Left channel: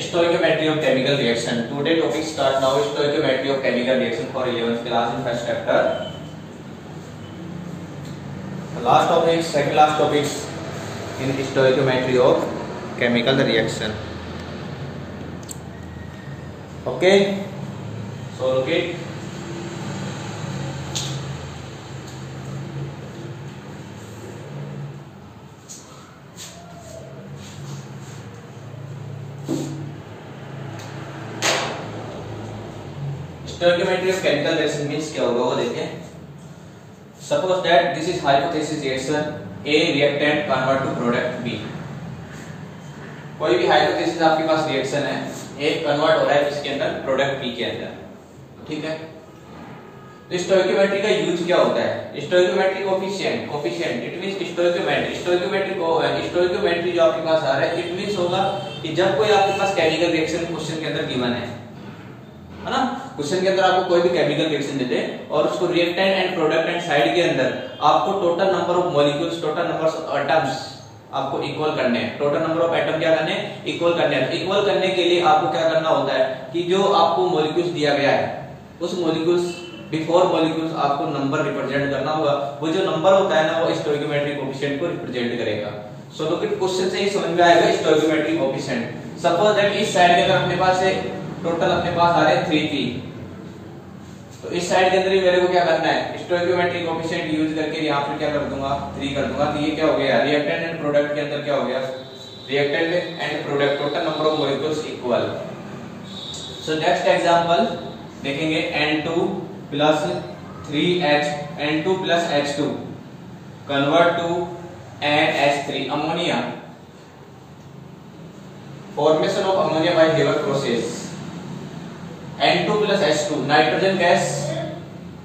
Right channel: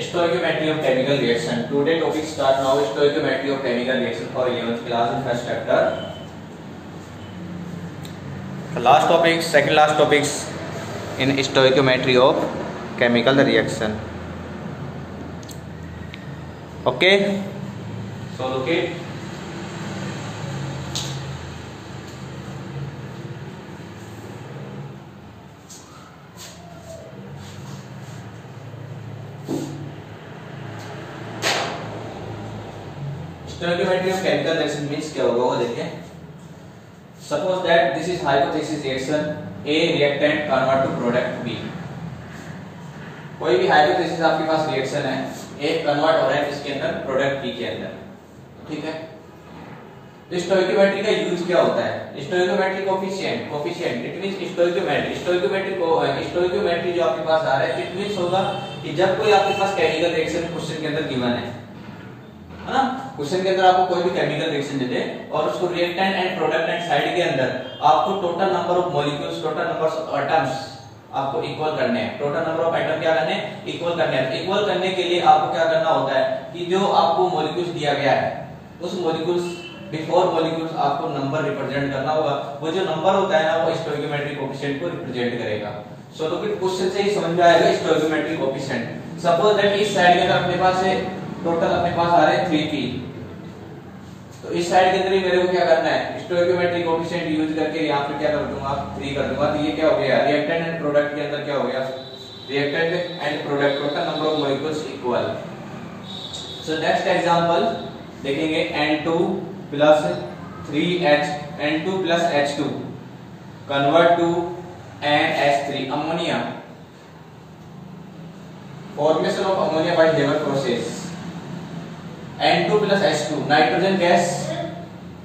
Stoichiometry of chemical reaction. Today topic start now. Stoichiometry of chemical reaction for 11th class in first chapter. Last topic, second last topics in stoichiometry of chemical reaction. Okay. So look it. Stoichiometry of chemical reaction means क्या होगा वो देखें. Suppose that this is hypothesis reaction A reactant convert to product B. कोई भी hypothesis आपके पास reaction है A convert हो रहा है इसके अंदर product B के अंदर, ठीक है. तो stoichiometry का यूज क्या होता है? Stoichiometry coefficient it means stoichiometry जो आपके पास आ रहा है it means होगा कि जब कोई आपके पास chemical reaction क्वेश्चन के अंदर given है ना, क्वेश्चन के अंदर आपको कोई भी केमिकल रिएक्शन देते हैं और उसको रिएक्टेंट एंड प्रोडक्टेंट साइड के अंदर आपको total number of molecules, total number of atoms आपको इक्वल करने हैं. टोटल नंबर ऑफ एटम क्या करने हैं? इक्वल करने हैं. इक्वल करने के लिए आपको क्या करना होता है कि जो आपको मॉलिक्यूल्स दिया गया है उस मॉलिक्यूल्स बिफोर मॉलिक्यूल्स आपको नंबर रिप्रेजेंट करना होगा. वो जो नंबर होता है ना वो स्टोइकियोमेट्रिक कोएफिशिएंट को रिप्रेजेंट करेगा. सो लुक इट क्वेश्चन से ही समझ में आएगा स्टोइकियोमेट्रिक कोएफिशिएंट. सपोज दैट इस साइड के अंदर अपने पास है टोटल अपने पास आ रहे हैं 3p. तो इस साइड के अंदर ही मेरे को क्या करना है? स्टोइकियोमेट्रिक कोएफिशिएंट यूज करके यहां पे क्या कर दूंगा? 3 कर दूंगा. तो ये क्या हो गया? रिएक्टेंट एंड प्रोडक्ट के अंदर क्या हो गया? Reactant and product total number of molecules equal. So next example देखेंगे N2 plus 3H N2 plus H2 convert to NH3 ammonia. Formation of ammonia by Haber process. N2 plus H2 nitrogen gas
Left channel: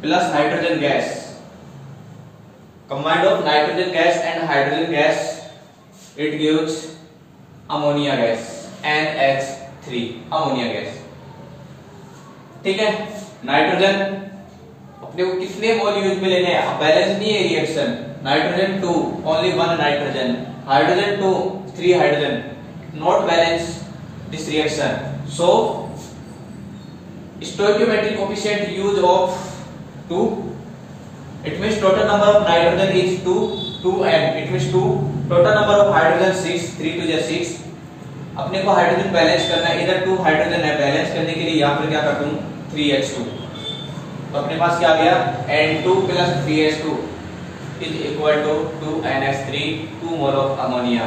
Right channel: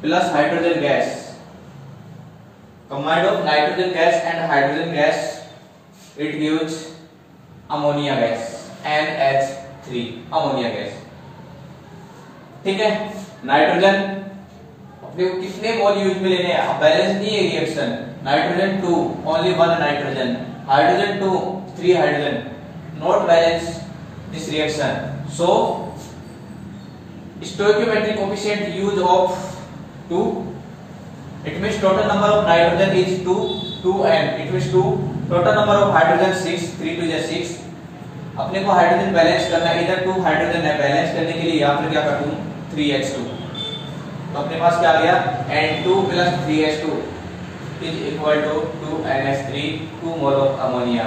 plus hydrogen gas combined of nitrogen gas and hydrogen gas it gives ammonia gas NH3 ammonia gas. ठीक है. Nitrogen अपने को कितने मोल use में लेने हैं? Balance नहीं है reaction. Nitrogen 2 only 1 nitrogen, hydrogen 2 3 hydrogen, not balance this reaction. So stoichiometric coefficient use of 2. It means total number of nitrogen is 2 and it means 2. Total number of hydrogen 6, 3 to 6. अपने को hydrogen balance करना है. इधर 2 hydrogen है, balance करने के लिए यहाँ पर क्या कर दूं? 3H2. तो अपने पास क्या आ गया? N2 plus 3H2 is equal to 2NH3, 2 mole of ammonia.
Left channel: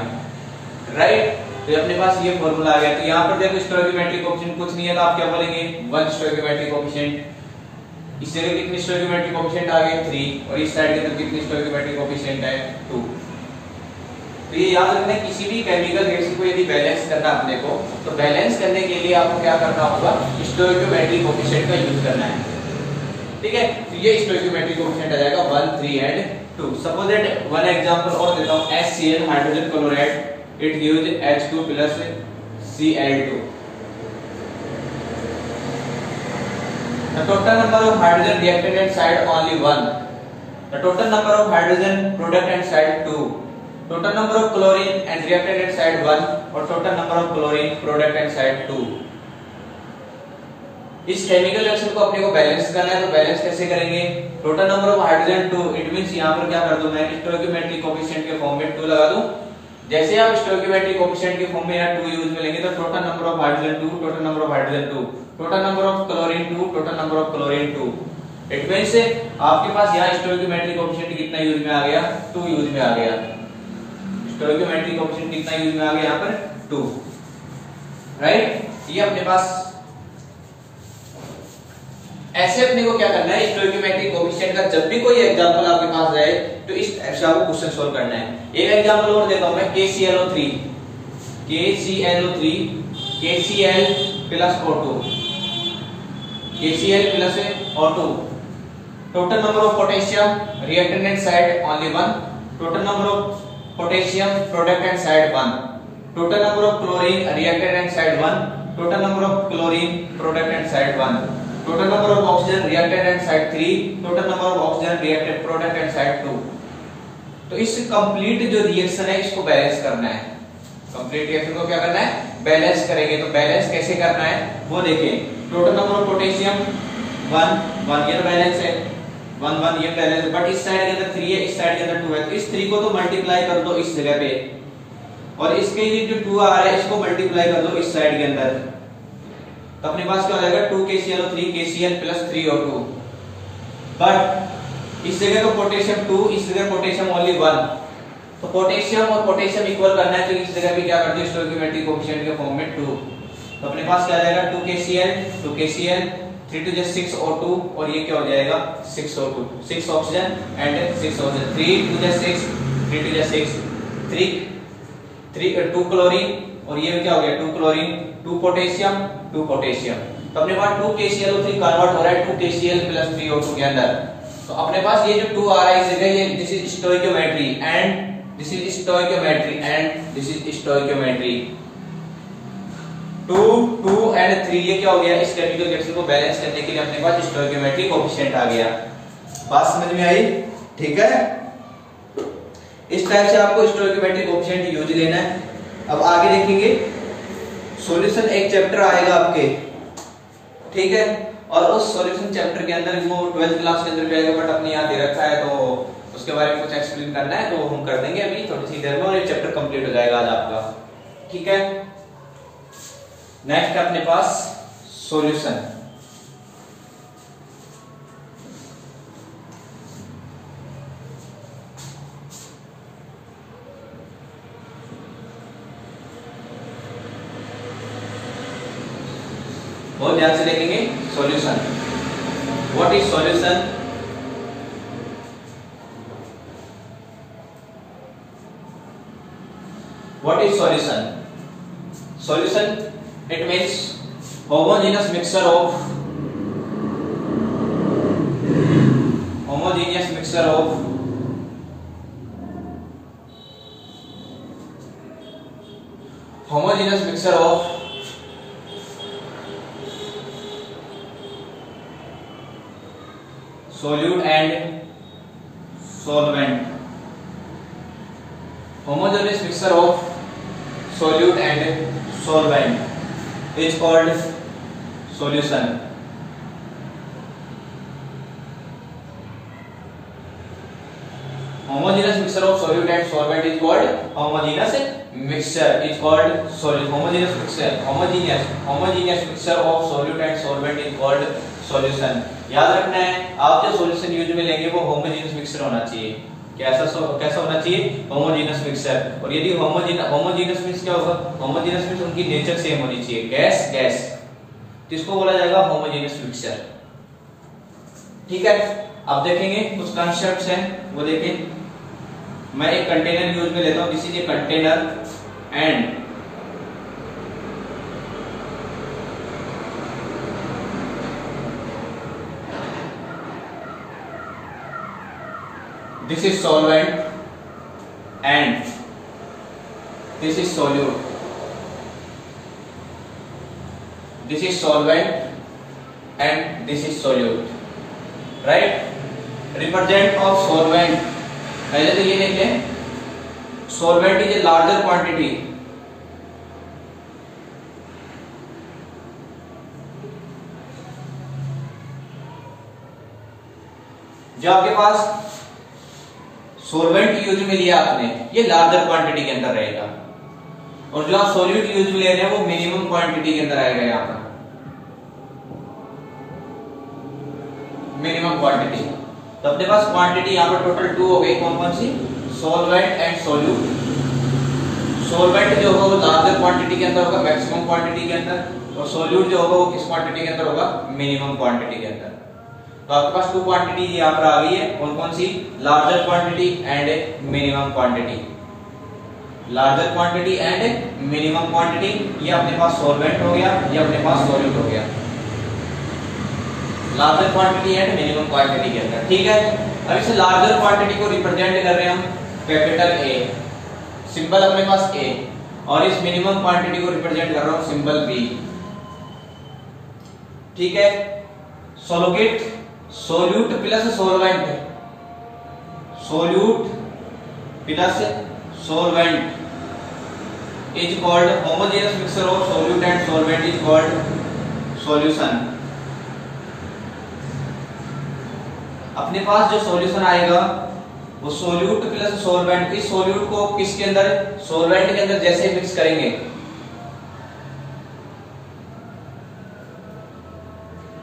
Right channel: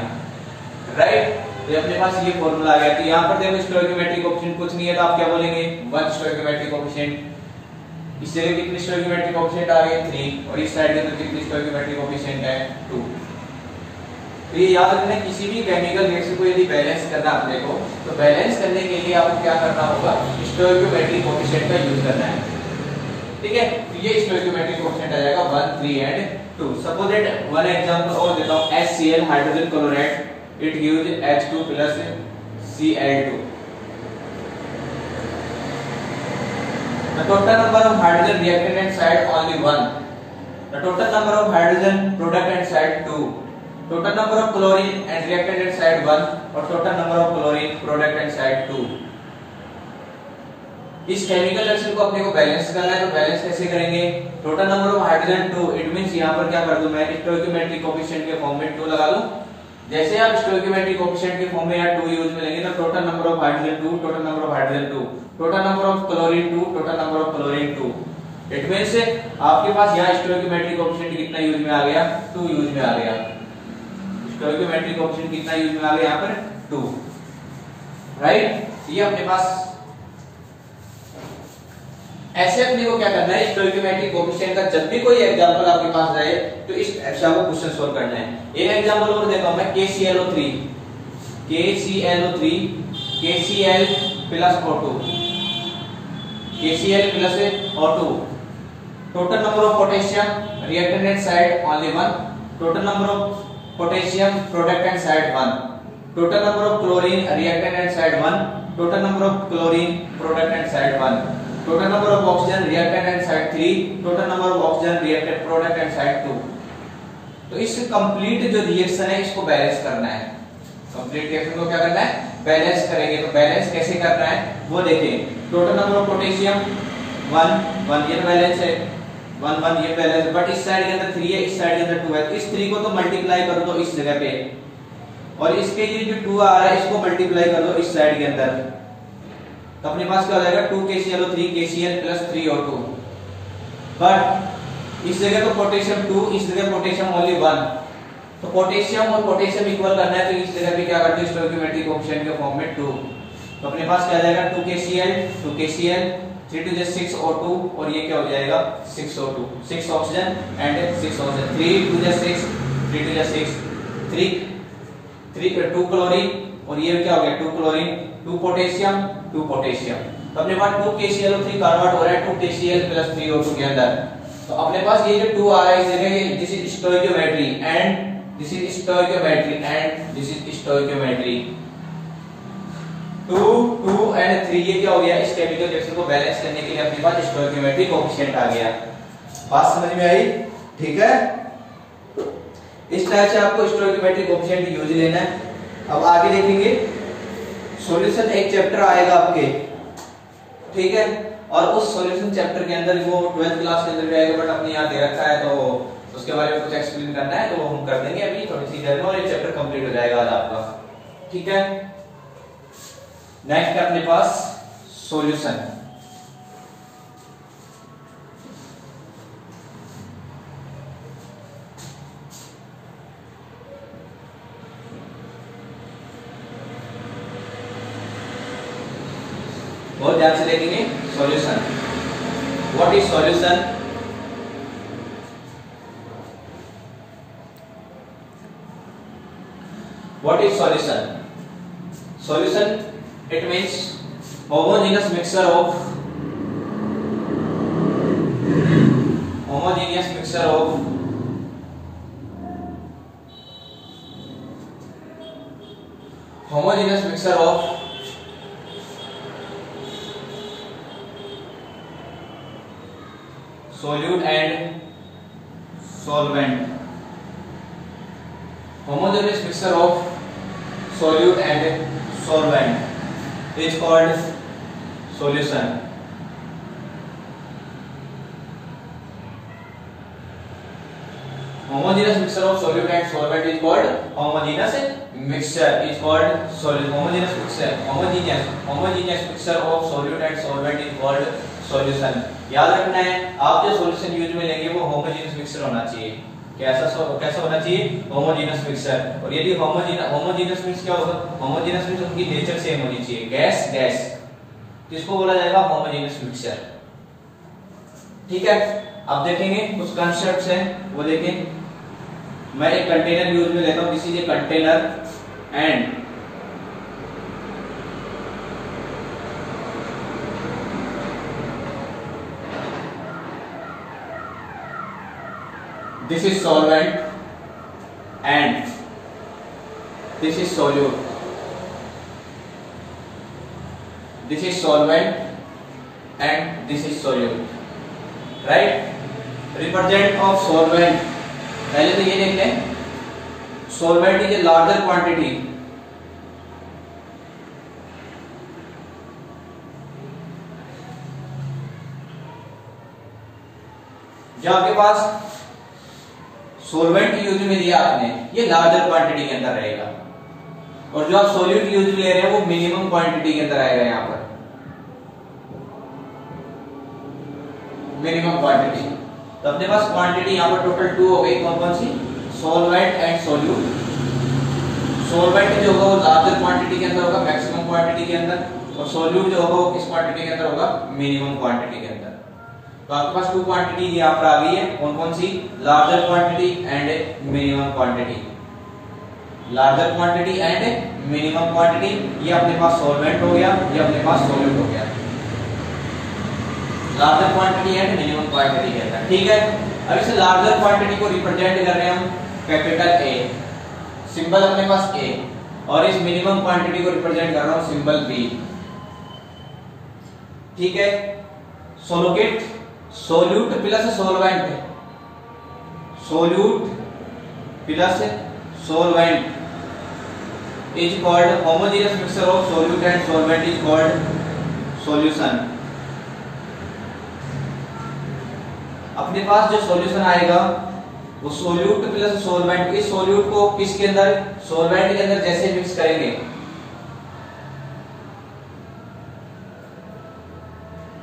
Right? तो अपने पास ये फॉर्मूला आ गया. तो यहाँ पर देखो स्टोइकियोमेट्रिक कोएफिशिएंट कुछ नहीं है तो आप क्या बोलेंगे? 1 स्टोइकियोमेट्रिक कोएफिशिएंट. इस साइड कितनी स्टोइकियोमेट्रिक कोएफिशिएंट आ गए? 3. और इस साइड के अंदर कितनी स्टोइकियोमेट्रिक कोएफिशिएंट है? 2. तो ये याद रखना किसी भी केमिकल रिएक्शन को यदि बैलेंस करना है अपने को तो बैलेंस करने के लिए आपको क्या करना होगा? स्टोइकियोमेट्रिक कोएफिशिएंट का यूज करना है. ठीक है. तो ये स्टोइकियोमेट्रिक कोएफिशिएंट आ जाएगा 1, 3 and 2. Suppose that one example और देता हूं. HCl hydrogen chloride it gives H2 plus Cl2. The total number of hydrogen reactant at side only 1. The total number of hydrogen product at side 2. Total number of chlorine and reactant at side 1 और total number of chlorine product at side 2. इस chemical reaction को अपने को balance करना है. तो balance कैसे करेंगे? Total number of hydrogen 2. It means यहां पर क्या कर दूं मैं? स्टोइकियोमेट्रिक कोएफिशिएंट के फॉर्म में 2 लगा दूं. जैसे आप स्टोइकियोमेट्रिक कोएफिशिएंट के फॉर्म में यहाँ 2 यूज में लेंगे तो total number of hydrogen 2, total number of hydrogen 2, total number of chlorine 2, total number of chlorine 2. It means आपके पास यहाँ स्टोइकियोमेट्रिक कोएफिशिएंट कितना यूज में आ गया? 2 यूज में आ गया. स्टोइकियोमेट्रिक कोएफिशिएंट कितना यूज में आ गया यहाँ पर? 2. राइट. ये अपने पास ऐसे अपने को क्या करना है? स्टोइकियोमेट्रिक कोएफिशिएंट का जब भी कोई एग्जांपल आपके पास रहे तो इस ऐसा को क्वेश्चन सॉल्व करना है. एक एग्जांपल और देता हूं मैं. KClO3 KCl plus O2 KCl plus O2. Total number of potassium reactant eight side only 1. Total number of potassium product at side 1. Total number of chlorine reactant eight side 1. Total number of chlorine product at side 1. Total number of oxygen reactant eight side 3. Total number of oxygen reactant product at side 2. तो इस complete जो reaction है इसको balance करना है. Complete reaction को क्या करना है? बैलेंस करेंगे। तो बैलेंस कैसे करना है वो देखें। टोटल नंबर ऑफ पोटेशियम 1 ये बैलेंस है, 1 ये बैलेंस, बट इस साइड के अंदर 3 है, इस साइड के अंदर 2 है। तो इस 3 को तो मल्टीप्लाई कर दो इस जगह पे, और इसके ये जो 2 आ रहा है इसको मल्टीप्लाई कर दो इस साइड के अंदर। तो अपने पास क्या हो जाएगा 2 KClO3 KCl plus 3O2। But इस जगह पर पोटेशियम 2, इस जगह पोटेशियम ओनली 1। तो पोटेशियम और पोटेशियम इक्वल करना है, तो इस जगह भी क्या करते हैं स्टोइकियोमेट्रिक कोएफिशिएंट के फॉर्म में 2। तो अपने पास क्या आ जाएगा 2 KCl 3 to the 6 O2, और ये क्या हो जाएगा 6 O2, 6 oxygen and 6 oxygen, 3 to the 6 3 to the 6 2 chlorine, और ये क्या हो गया 2 क्लोरीन 2 पोटेशियम 2 पोटेशियम। तो अपने पास 2 KClO3 कन्वर्ट हो रहा है 2 KCl प्लस 3O2 के अंदर। तो अपने पास ये जो 2 आ रहा है इस जगह, ये this is stoichiometry and this is stoichiometry and this is stoichiometry. 2 2 and 3 ये क्या हो गया, इस केमिकल रिएक्शन को बैलेंस करने के लिए अपने पास स्टोइकियोमेट्रिक कोएफिशिएंट आ गया। बात समझ में आई? ठीक है, इस तरह से आपको स्टोइकियोमेट्रिक कोएफिशिएंट यूज लेना है। अब आगे देखेंगे सॉल्यूशन, एक चैप्टर आएगा आपके, ठीक है, और उस सॉल्यूशन चैप्टर के अंदर वो 12th क्लास के अंदर भी आएगा, बट अपने यहाँ दे रखा है तो उसके बारे में कुछ एक्सप्लेन करना है तो हम कर देंगे अभी थोड़ी सी देर में, और ये चैप्टर कंप्लीट हो जाएगा आज आपका। ठीक है, नेक्स्ट अपने पास सॉल्यूशन। बहुत ध्यान से देखेंगे solution. What is solution? What is solution? Solution it means homogeneous mixture of homogeneous mixture of solute and solvent. Homogeneous mixture of solute and solvent is called solution. Homogeneous mixture of solute and solvent is called homogeneous mixture. Is called homogeneous mixture. Homogeneous mixture of solute and solvent is called solution. याद रखना है, आप जो solution use में लेंगे वो homogeneous mixture होना चाहिए। कैसा होना चाहिए? Homogeneous mixture. और यदि होमोजेनियस मींस क्या होगा? होमोजेनियस मींस उनकी नेचर सेम होनी चाहिए, गैस गैस, तो इसको बोला जाएगा होमोजेनियस मिक्सचर। ठीक है, अब देखेंगे कुछ कंसेप्ट्स हैं वो देखें। मैं एक कंटेनर यूज में लेता हूं, this is a container and this is solvent and this is solute. This is solvent and this is solute, right? Represent of solvent, पहले तो ये देख लें, solvent is a larger quantity, जो आपके पास सोलवेंट यूज में लिया आपने ये लार्जर क्वांटिटी के अंदर रहेगा, और जो आप सोल्यूट यूज में ले रहे हैं वो मिनिमम क्वांटिटी के अंदर आएगा। यहां पर मिनिमम क्वांटिटी, तो अपने पास क्वांटिटी यहां पर टोटल 2 हो गई। कौन कौन सी? Solvent and solute. सोलवेंट जो होगा वो लार्जर क्वांटिटी के अंदर होगा, मैक्सिमम क्वांटिटी के अंदर, और सोल्यूट जो होगा वो किस क्वांटिटी के अंदर होगा? मिनिमम क्वांटिटी के अंदर। तो आपके पास 2 क्वांटिटी यहाँ पर आ गई है, कौन कौन सी? Larger quantity and minimum quantity. Larger quantity and minimum quantity, ये अपने पास सॉल्वेंट हो गया, ये अपने पास सॉल्यूट हो गया। Larger quantity and minimum quantity के अंदर, ठीक है। अब इस लार्जर क्वांटिटी को रिप्रेजेंट कर रहे हैं हम कैपिटल ए, सिंबल अपने पास ए, और इस मिनिमम क्वांटिटी को रिप्रेजेंट कर रहा हूं सिंबल बी, ठीक है। सोलोगेट, solute plus solvent, solute plus solvent is called homogeneous mixture of solute and solvent is called solution. अपने पास जो सॉल्यूशन आएगा वो सोल्यूट प्लस सोलवेंट, इस सोल्यूट को किसके अंदर, सोलवेंट के अंदर जैसे मिक्स करेंगे,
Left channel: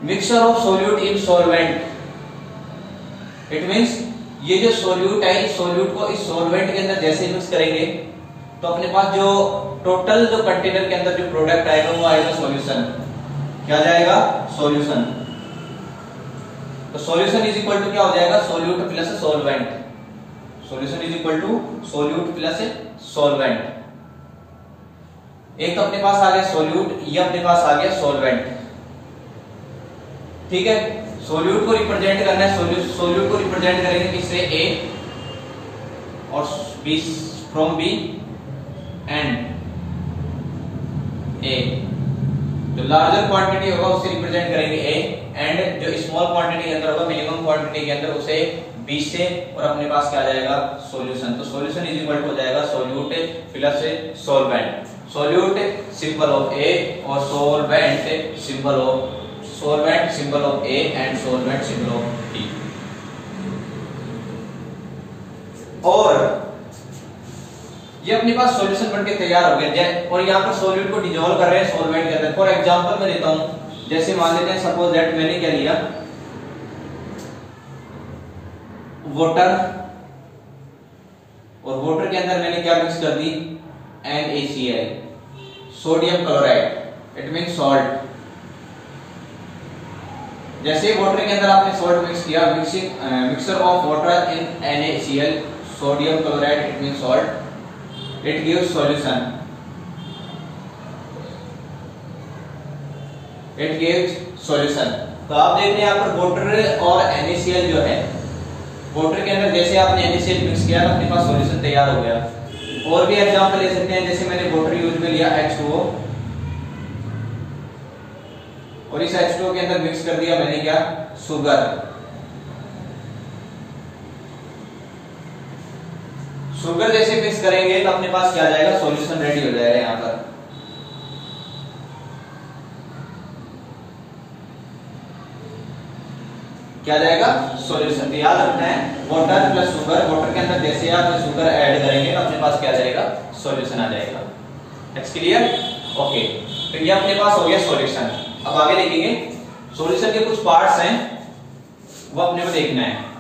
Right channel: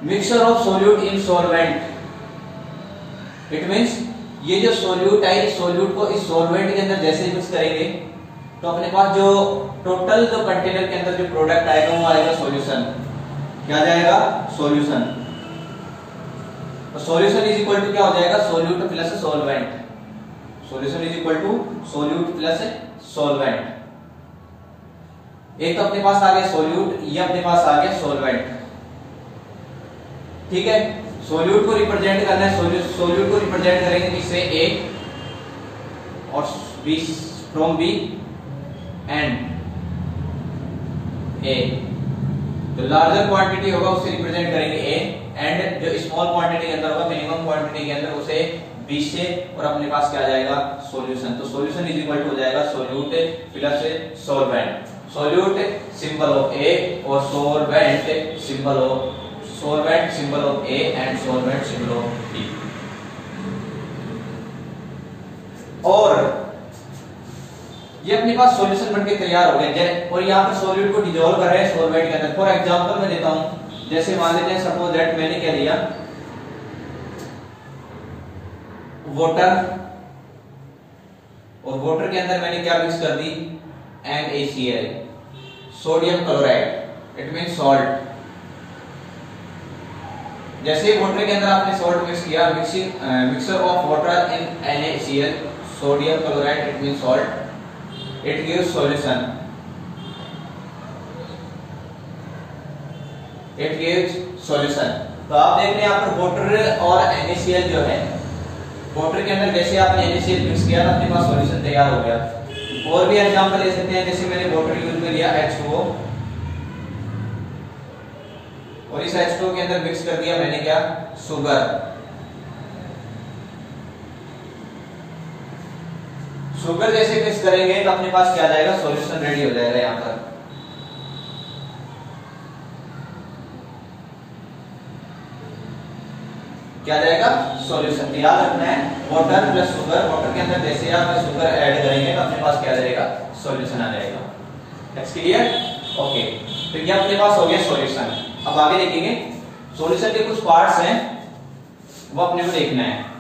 mixture of solute in solvent, it means ये जो सोल्यूट है इस सोल्यूट को इस सोलवेंट के अंदर जैसे मिक्स करेंगे तो अपने पास जो टोटल जो कंटेनर के अंदर जो प्रोडक्ट आएगा वो आएगा सॉल्यूशन। क्या जाएगा, सॉल्यूशन। तो सॉल्यूशन इज इक्वल टू क्या हो जाएगा, solute plus solvent, solution is equal to solute plus solvent. एक तो अपने पास आ गया सोल्यूट, ये अपने पास आ गया सोलवेंट, ठीक है। सोल्यूट को रिप्रेजेंट करना है, सोल्यूट को रिप्रेजेंट करेंगे किससे, ए और बी, फ्रॉम बी एंड ए। जो लार्जर क्वांटिटी होगा उसे रिप्रेजेंट करेंगे ए, एंड जो स्मॉल क्वांटिटी के अंदर होगा, मिनिमम क्वांटिटी के अंदर, उसे बी से, और अपने पास क्या जाएगा, सॉल्यूशन। तो सॉल्यूशन इज इक्वल टू हो जाएगा solute plus solvent. Solute symbol of A और solvent symbol of, solvent symbol of A and solvent symbol of B। और ये अपने पास सॉल्यूशन बनके तैयार हो गया, और यहाँ पर सोल्यूट को डिसॉल्व कर रहे हैं सोलवेंट के अंदर। फॉर एग्जांपल मैं देता हूं, जैसे मान लेते हैं सपोज दैट मैंने क्या लिया, वाटर, और वाटर के अंदर मैंने क्या मिक्स कर दी, NaCl, sodium chloride, it means salt. जैसे वाटर के अंदर आपने सॉल्ट मिक्स किया, mixture of water in NaCl, sodium chloride, it means salt, it gives solution, it gives solution. तो आप देख रहे हैं यहाँ पर वाटर और NaCl जो है, वाटर के अंदर जैसे आपने NaCl मिक्स किया अपने पास सॉल्यूशन तैयार हो गया। और भी एग्जांपल ले सकते हैं, जैसे मैंने वाटर यूज में लिया H2O, और इस H2O के अंदर मिक्स कर दिया मैंने क्या, शुगर। शुगर जैसे मिक्स करेंगे तो अपने पास क्या जाएगा, सॉल्यूशन रेडी हो जाएगा। यहां पर क्या जाएगा, सॉल्यूशन। याद रखना है, वाटर प्लस शुगर, वाटर के अंदर जैसे आप शुगर ऐड करेंगे तो अपने पास क्या जाएगा, सॉल्यूशन आ जाएगा। It's clear, okay. तो ये अपने पास हो गया सॉल्यूशन। अब आगे देखेंगे, सॉल्यूशन के कुछ पार्ट्स हैं वो अपने को देखना है।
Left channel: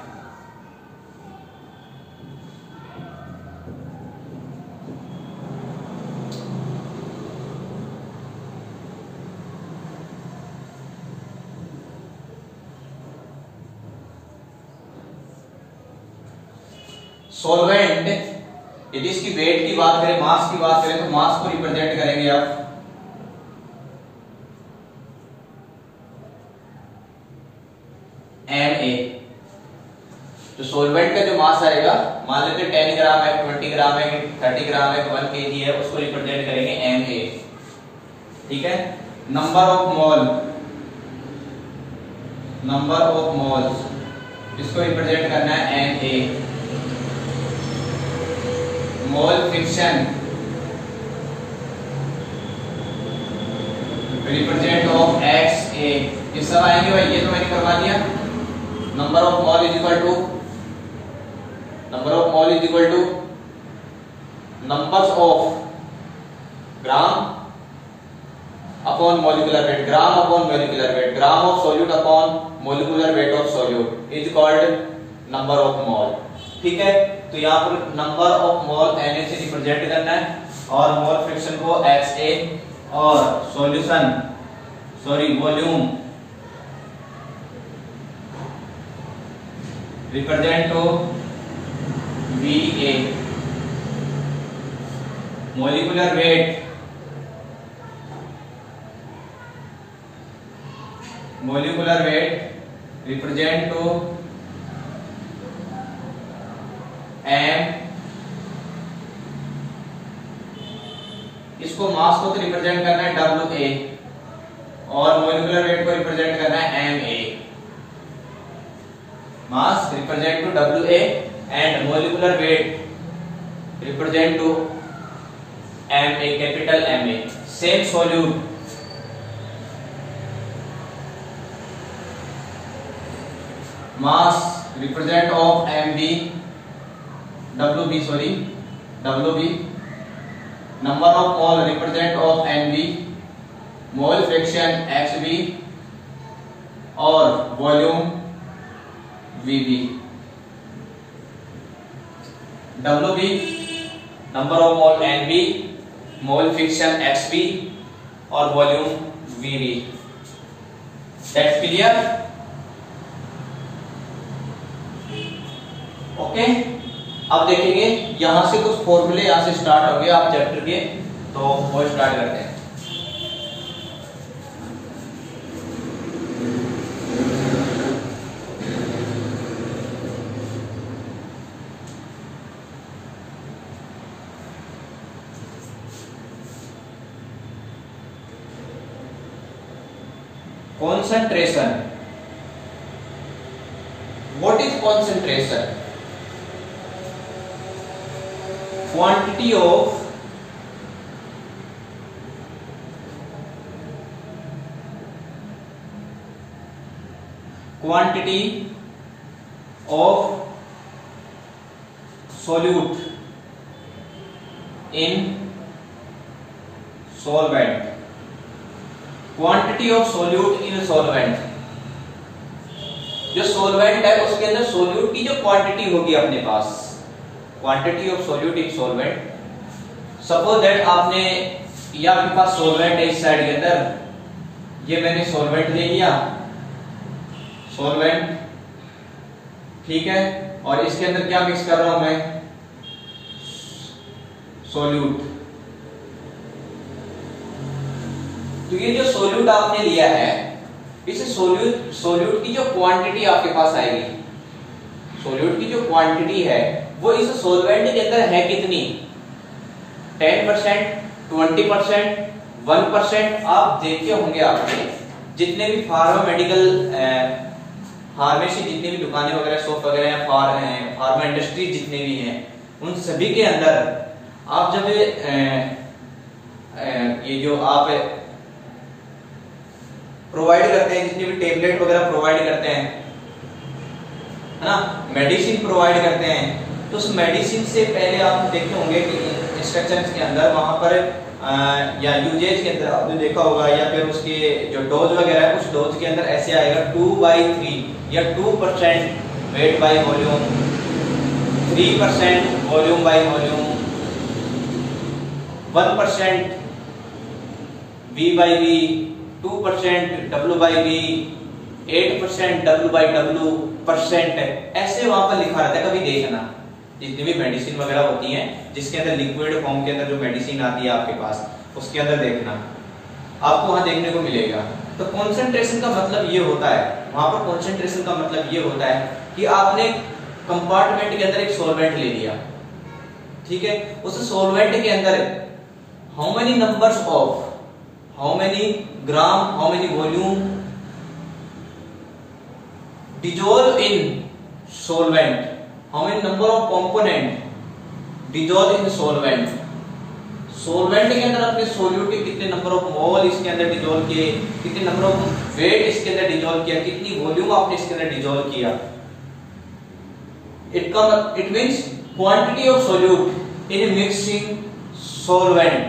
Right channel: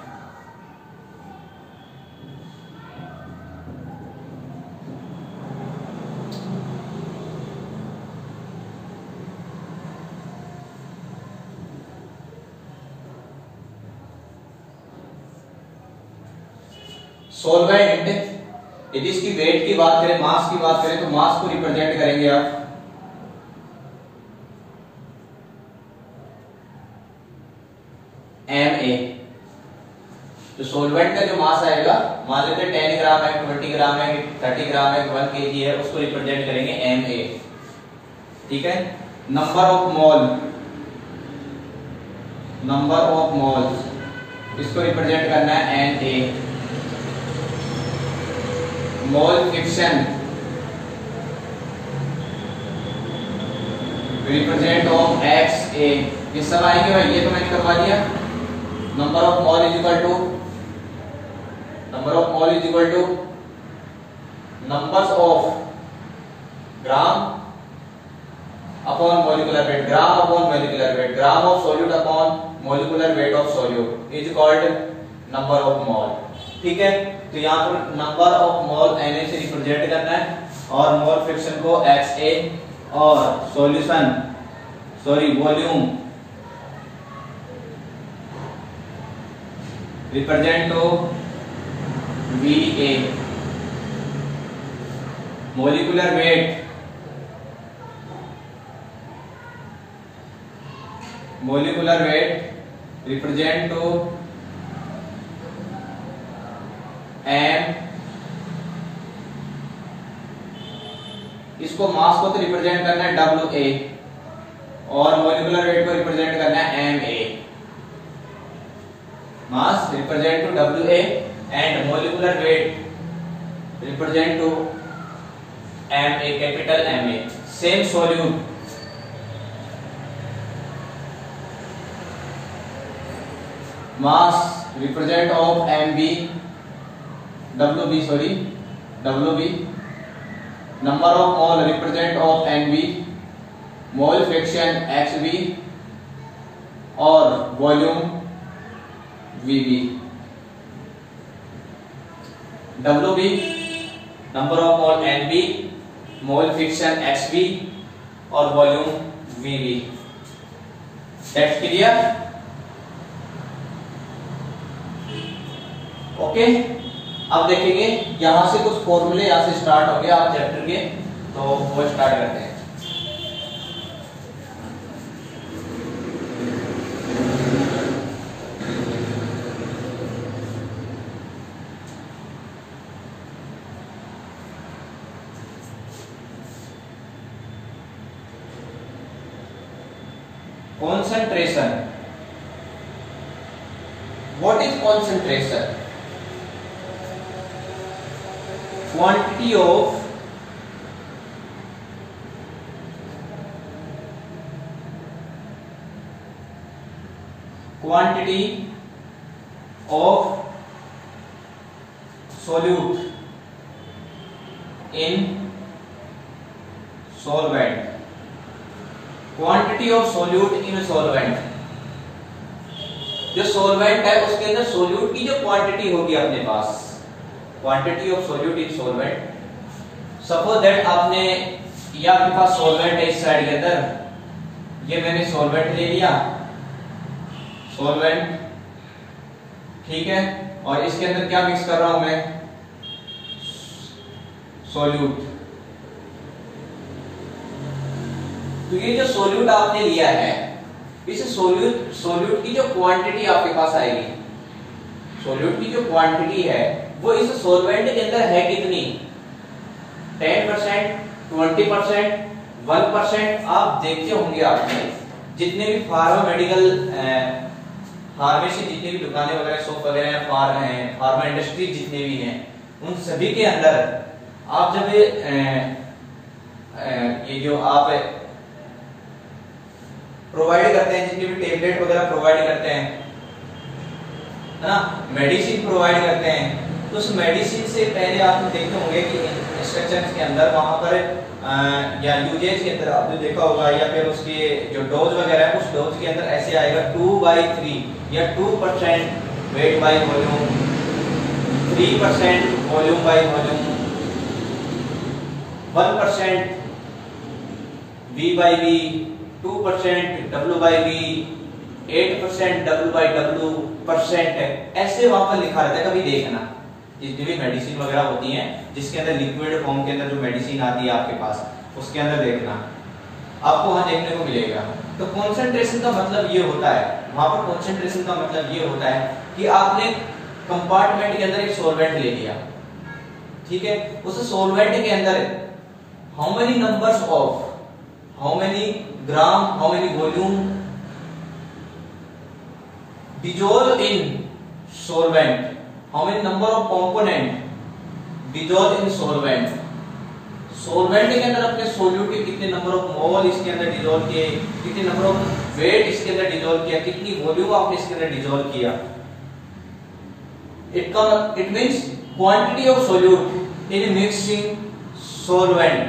सॉल्वेंट, यदि इसकी वेट की बात करें, मास की बात करें, तो मास को रिप्रेजेंट करेंगे आप Ma। तो सॉल्वेंट का जो मास आएगा, मान लेते हैं 10 ग्राम है, 20 ग्राम है, 30 ग्राम है, 1 kg है, उसको रिप्रेजेंट करेंगे Ma, ठीक है। Number of mole, number of moles, इसको रिप्रेजेंट करना है Na। Mole fraction, represent of Xa। ये सब आएंगे भाई, ये तो मैंने करवा दिया। Number of mole is equal to, number of mole is equal to numbers of gram upon molecular weight, gram upon molecular weight, gram of solute upon molecular weight of solute is called number of mole, ठीक है। तो यहाँ पर number of mole Na से represent करना है, और mole fraction को Xa, और solution, sorry volume represent to Va, molecular weight, molecular weight represent to M। इसको मास को तो रिप्रेजेंट करना है Wa, और मोलिकुलर वेट को रिप्रेजेंट करना है Ma। Mass represent to Wa and molecular weight represent to MA, capital MA, same solute mass represent of WB, number of mole represent of NB, mole fraction XB और volume VB. WB number of mole NB, mole fraction XB और volume VB. That's clear? Okay अब देखेंगे यहां से कुछ फॉर्मूले यहां से स्टार्ट हो गए आप चैप्टर के, तो वो स्टार्ट करते हैं। Concentration, what is concentration? Quantity of solute in solvent. Quantity of solute in solvent, जो solvent है उसके अंदर solute की जो क्वांटिटी होगी अपने पास, quantity of solute in solvent. Suppose that आपने ये आपके पास सोलवेंट है इस साइड के अंदर, ये मैंने सोलवेंट ले लिया, सोलवेंट ठीक है, और इसके अंदर क्या मिक्स कर रहा हूं मैं? सोल्यूट। तो ये जो सोल्यूट आपने लिया है, इस सोल्यूट की जो क्वांटिटी आपके पास आएगी, सोल्यूट की जो क्वांटिटी है वो इस सोलवेंट के अंदर है कितनी? 10%, 20%, 1%। आप देखे होंगे आपने जितने भी फार्मामेडिकल फार्मेसी जितनी भी दुकानें वगैरह शॉप वगैरह हैं, फार्मा इंडस्ट्री जितने भी हैं, उन सभी के अंदर आप जब ये जो आप प्रोवाइड करते हैं, जितनी भी टेबलेट वगैरह प्रोवाइड करते हैं, है ना, मेडिसिन प्रोवाइड करते हैं, तो उस मेडिसिन से पहले आप देखे होंगे कि इंस्ट्रक्शंस के अंदर वहां पर या यूजेज के अंदर आपने देखा होगा, या फिर उसके जो डोज वगैरह है उस डोज के अंदर ऐसे आएगा 2/3 या 2% wait by volume, 3% volume by volume, 1% V/V, 2% W/V, 8% W/W%, ऐसे वहां पर लिखा रहता है। कभी देखना जितनी भी मेडिसिन वगैरह होती हैं जिसके अंदर लिक्विड फॉर्म के अंदर जो मेडिसिन आती है आपके पास, उसके अंदर देखना आपको वहां देखने को मिलेगा। तो कंसंट्रेशन का मतलब ये होता है, वहां पर कंसंट्रेशन का मतलब ये होता है कि आपने कंपार्टमेंट के अंदर एक सॉल्वेंट ले लिया, ठीक है, उस सॉल्वेंट के अंदर how many numbers of, how many gram, how many volume dissolve in solvent, how many number of component dissolve in solvent, solvent के अंदर अपने सोल्यूट के कितने नंबर ऑफ मोल इसके अंदर डिसॉल्व किए, कितने नंबर ऑफ वेट इसके अंदर डिसॉल्व किया, कितनी वॉल्यूम आपने इसके अंदर डिसॉल्व किया। It means quantity of solute in mixing solvent,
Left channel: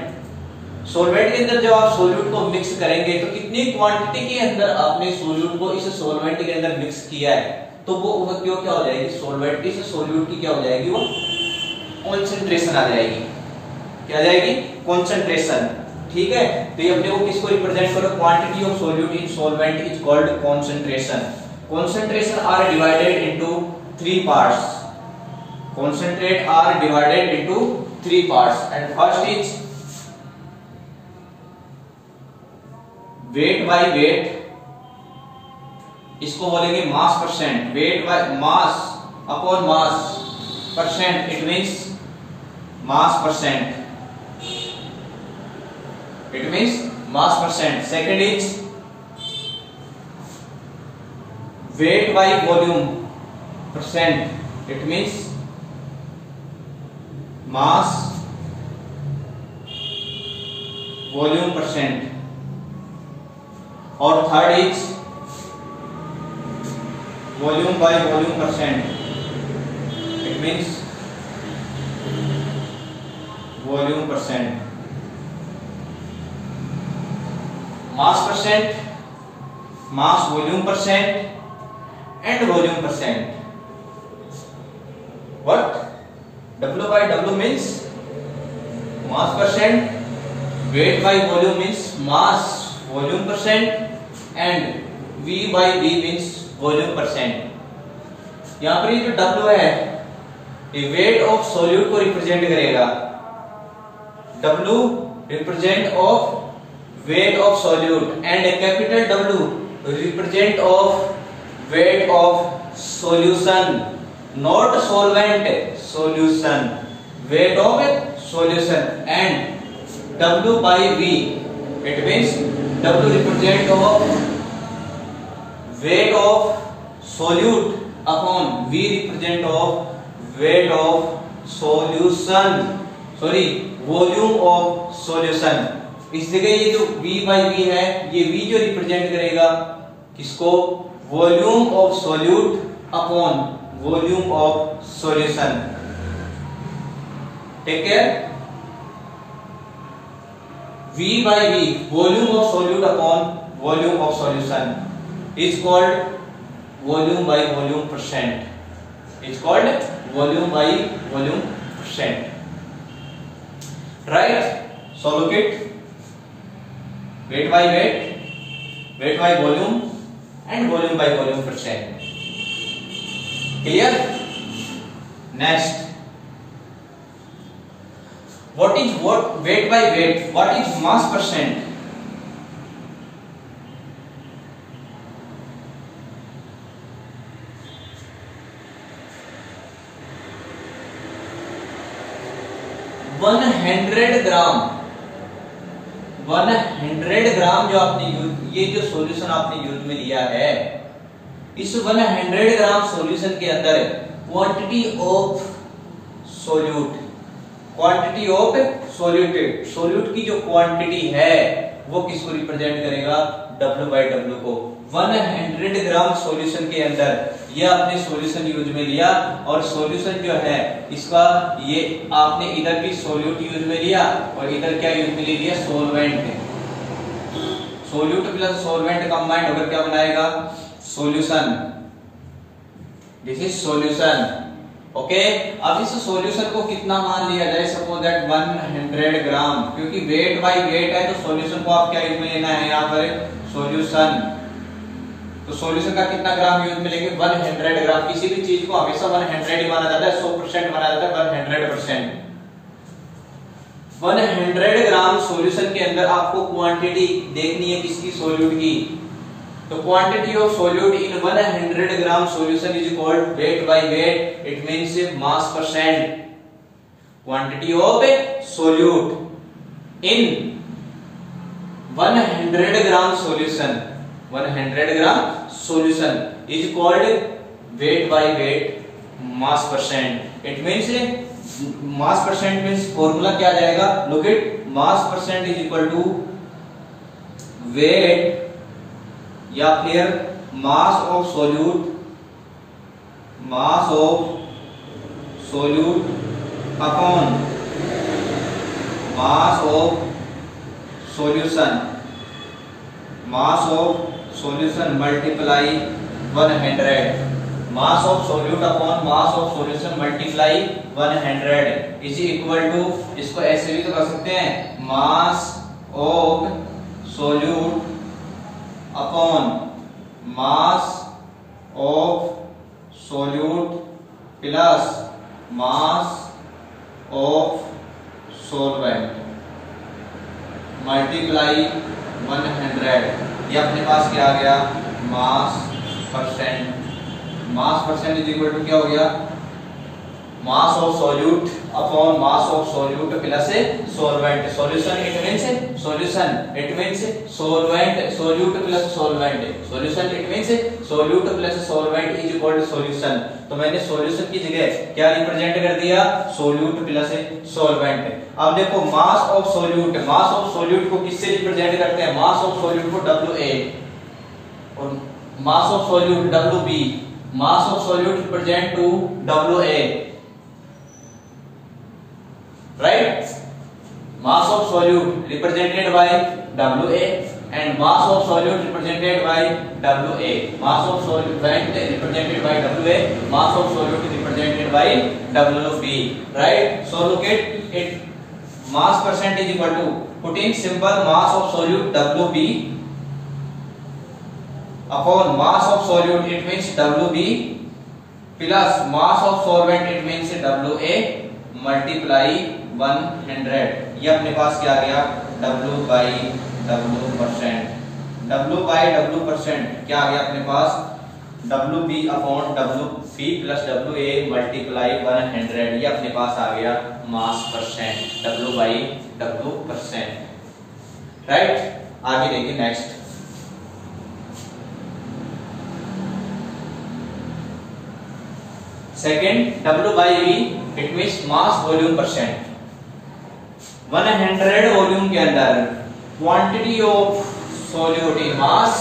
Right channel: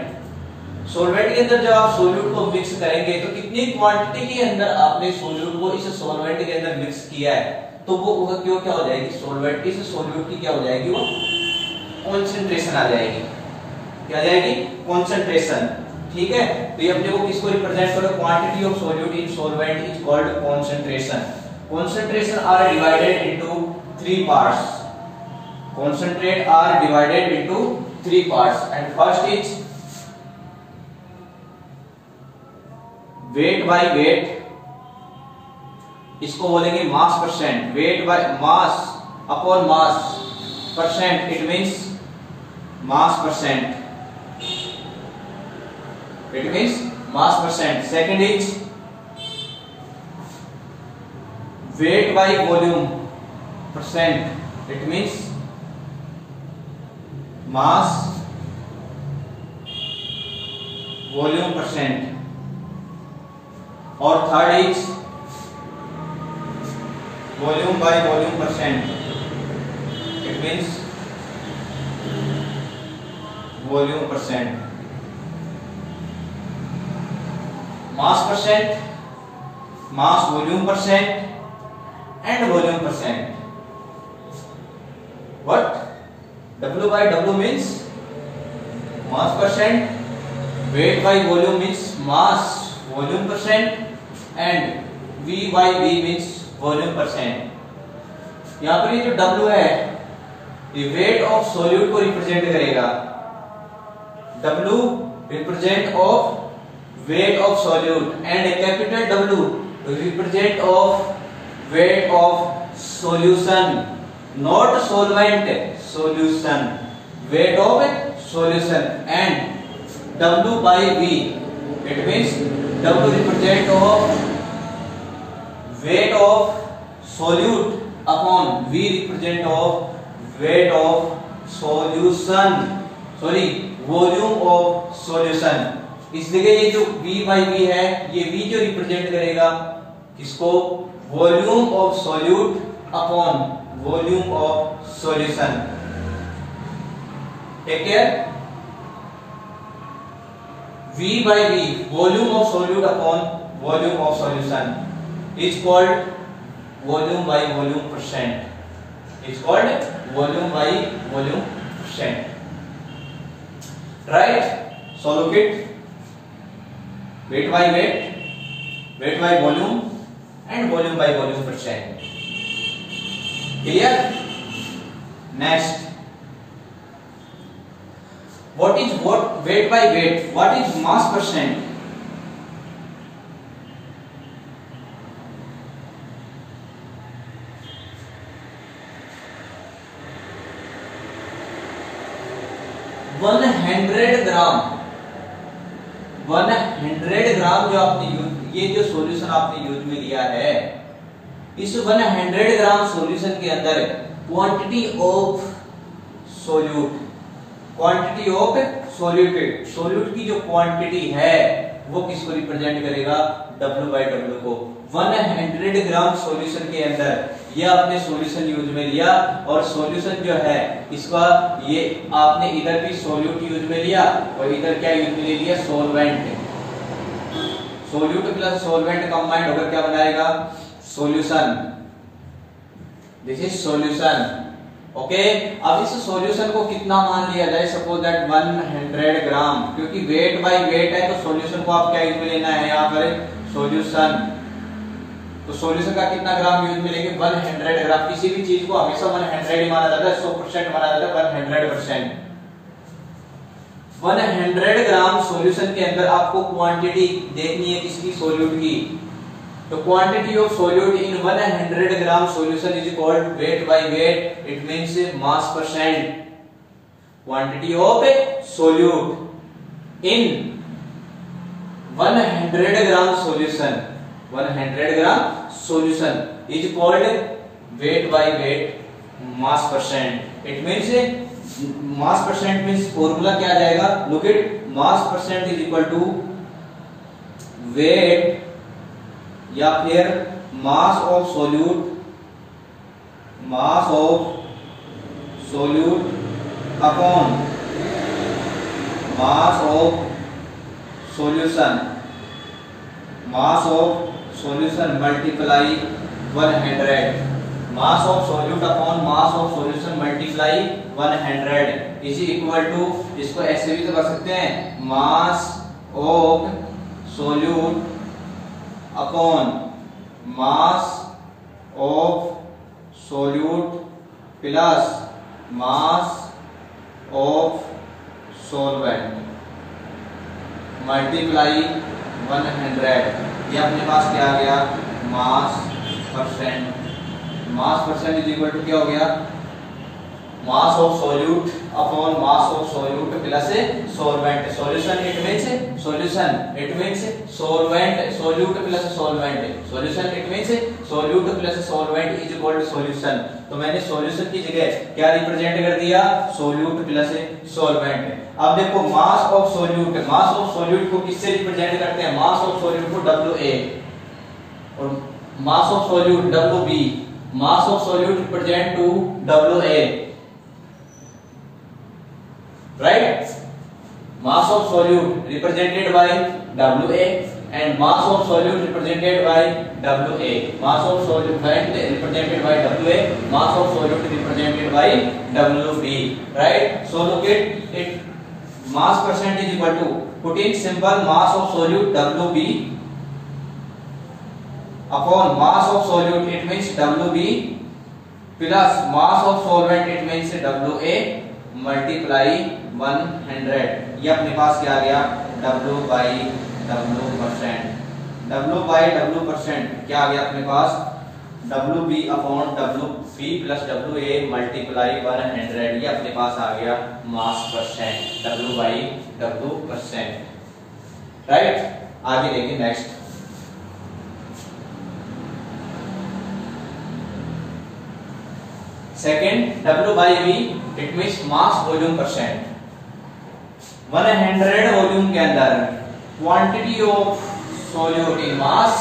solvent के अंदर जब आप सोल्यूट को मिक्स करेंगे तो कितनी क्वांटिटी के अंदर आपने सोल्यूट को इस सोलवेंट के अंदर मिक्स किया है, तो वो क्यों क्या हो जाएगी, सोलवेंट इस सोल्यूट की क्या हो जाएगी, वो कंसंट्रेशन आ जाएगी। क्या आ जाएगी? कंसंट्रेशन। ठीक है, तो ये अपने को किसको रिप्रेजेंट करो, quantity of solute in solvent is called concentration. Concentration are divided into 3 parts, concentrate are divided into 3 parts, and first is weight by weight, इसको बोलेंगे mass percent, weight by mass upon mass percent, it means mass percent, it means mass percent. Second is weight by volume percent, it means mass volume percent, और third is volume by volume percent, it means volume percent, mass percent, mass volume percent and volume percent. What? W by W means mass percent, weight by volume means mass volume percent, and V by V means volume percent. यहाँ पर ये जो W है ये weight of solute को represent करेगा. W represent of weight of solute and a capital W represent of weight of solution, not solvent, solution, weight of solution, and W by V, it means W represent of weight of solute upon V represent of weight of solution, sorry volume of solution. इसलिए ये जो V by V है, ये V जो represent करेगा किसको? Volume of solute upon volume of solution. Take care. V by V, volume of solute upon volume of solution, is called volume by volume percent. Is called volume by volume percent. Right? So look it. Weight by weight, weight by volume, and volume by volume percent. Clear? Next, what is weight by weight? What is mass percent? One 100 ग्राम जो आपने ये जो solution आपने use में लिया है, इस 100 gram solution के अंदर quantity of solute, quantity of solute की जो क्वांटिटी है वो किसको रिप्रेजेंट करेगा? W by W को. 100 ग्राम सॉल्यूशन के अंदर ये आपने सॉल्यूशन यूज में लिया, और सॉल्यूशन जो है इसका ये आपने इधर भी सोल्यूट यूज में लिया और इधर क्या यूज में लिया? Solvent. Solute plus solvent combined होकर क्या बनाएगा? Solution. This is solution. Okay. अब इस सॉल्यूशन को कितना मान लिया जाए? सपोज दैट 100 ग्राम, क्योंकि वेट बाय वेट है तो सॉल्यूशन को आप क्या यूज में लेना है? यहाँ पर सॉल्यूशन. तो सॉल्यूशन का कितना ग्राम यूज में लेंगे? 100 ग्राम. किसी भी चीज को हमेशा 100 ही माना जाता है, 100% माना जाता है, 100%. 100 ग्राम सॉल्यूशन के अंदर आपको क्वांटिटी देखनी है किसकी? सोल्यूट की. तो quantity of solute in 100 gram solution is called weight by weight. It means mass percent. Quantity of solute in 100 gram solution, 100 gram solution is called weight by weight, mass percent. It means mass percent means formula क्या आ जाएगा? Look it. Mass percent is equal to weight या फिर mass of solute, mass of solute upon mass of solution, mass of solution multiply 100. Mass of solute upon mass of solution multiply 100 is equal to, इसको ऐसे भी तो कर सकते हैं, mass of solute upon mass of solute plus mass of solvent multiply 100. ये अपने पास क्या आ गया? Mass percent. Mass percent is equal to क्या हो गया? Mass of solute upon mass of solute plus solvent. Solution it means solvent, solute plus solvent, solution it means solute plus solvent is equal to solution. तो मैंने solution की जगह क्या represent कर दिया, सॉल्यूट प्लस सॉल्वेंट। अब देखो मास of solute को किससे रिप्रेजेंट करते हैं, मास ऑफ सॉल्यूट को WA और mass of solute WB। Mass of solute represent to WA, right. Mass of solute represented by WA and mass of solute represented by WA, mass of solvent represented by WA, mass of solute represented by WB, right? So look at it, mass percent is equal to, put in simple mass of solute WB upon mass of solute, it means WB, plus mass of solvent, it means WA, multiply 100। ये अपने पास क्या आ गया, W by W percent क्या आ गया अपने पास, WB upon WB plus WA multiply 100। ये अपने पास आ गया mass percent, W by W percent, right. आगे देखिए next, second W by V it means mass volume percent. 100 volume के अंदर quantity of solute in mass